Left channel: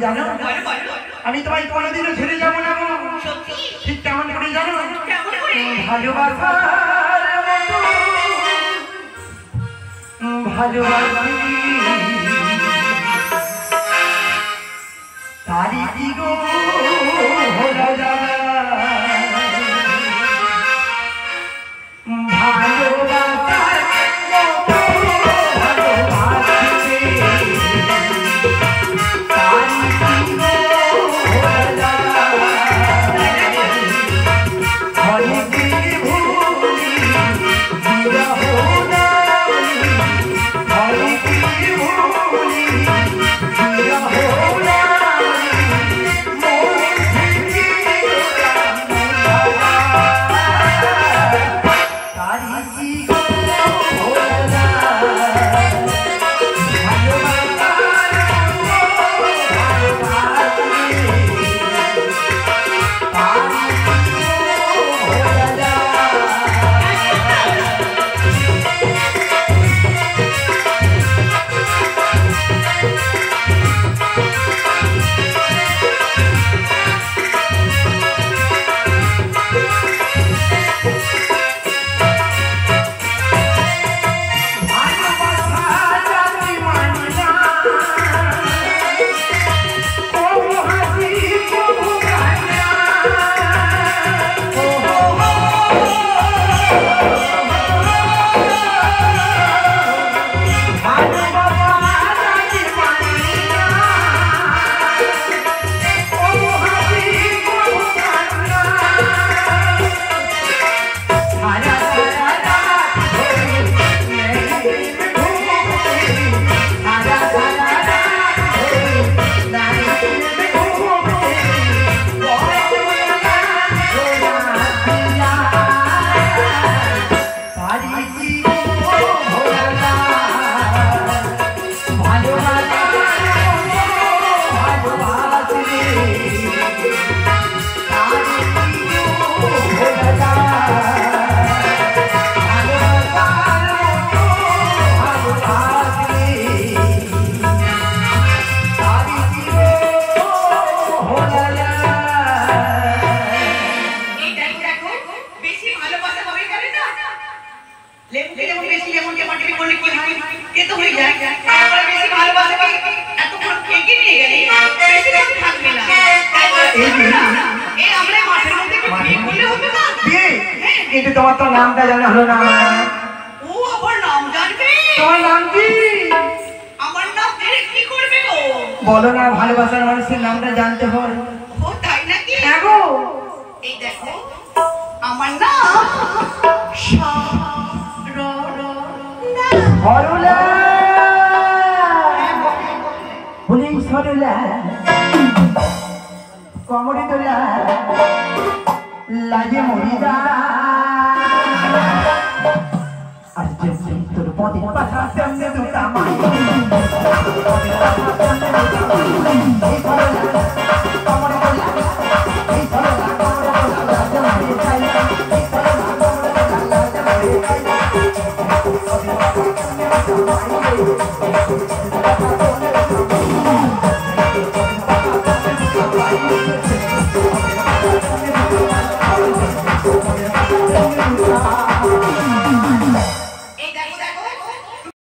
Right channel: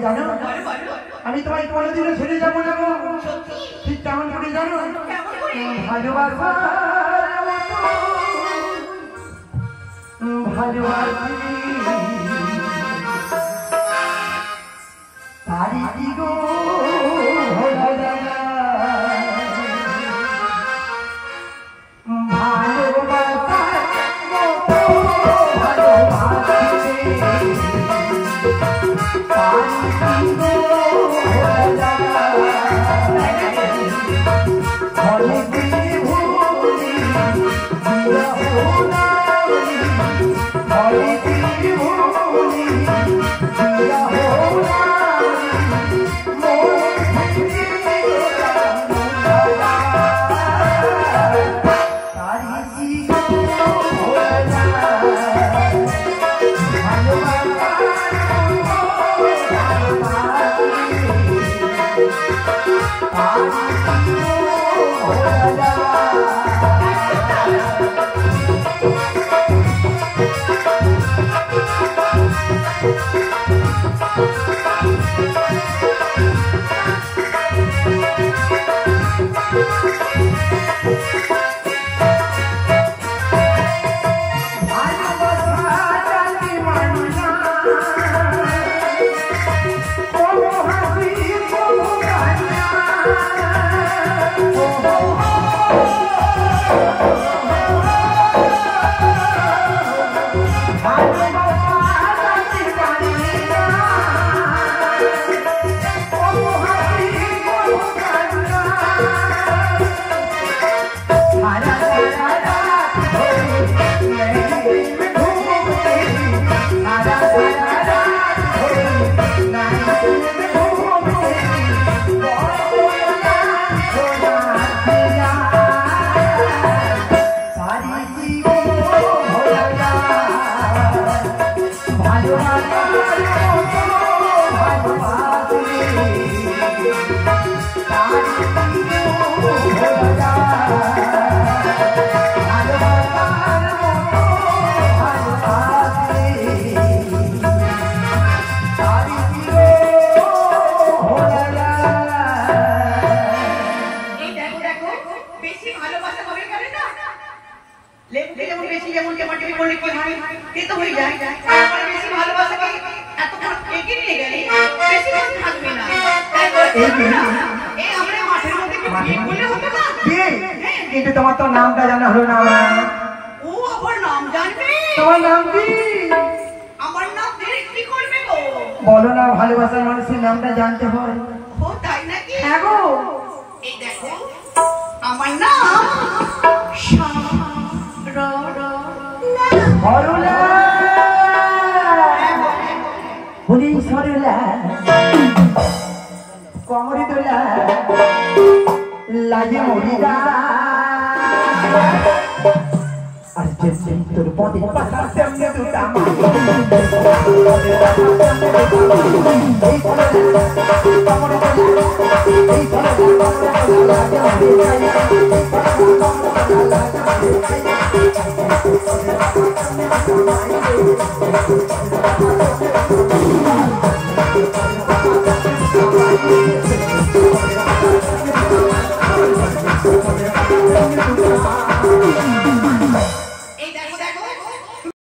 জানো আমি তোমায় কোনোদিনও ছেড়ে যাবো না গো ঠিক কেমন করে জানো ভালোবাসার ভালোবাসি তারি কি গো রাজা কিন্তু তোমার তো নামটা জানা হলো না আমার ও আমার নাম জানবে তোমার নাম কি আমার নাম জেনে কি করবে গো বলো না ভালোবাসার মানুষের নামটা জানতে হয় ও তাই নাকি হ্যাঁ গো এই দেখো আমার নাম সরলা বলি সরলা কমরি দোলা লাগে মরিদা আর যেমনি তোর পদে পাশা তেমনি দুটা মাই এই কমরি দোলা লাগে মরিদা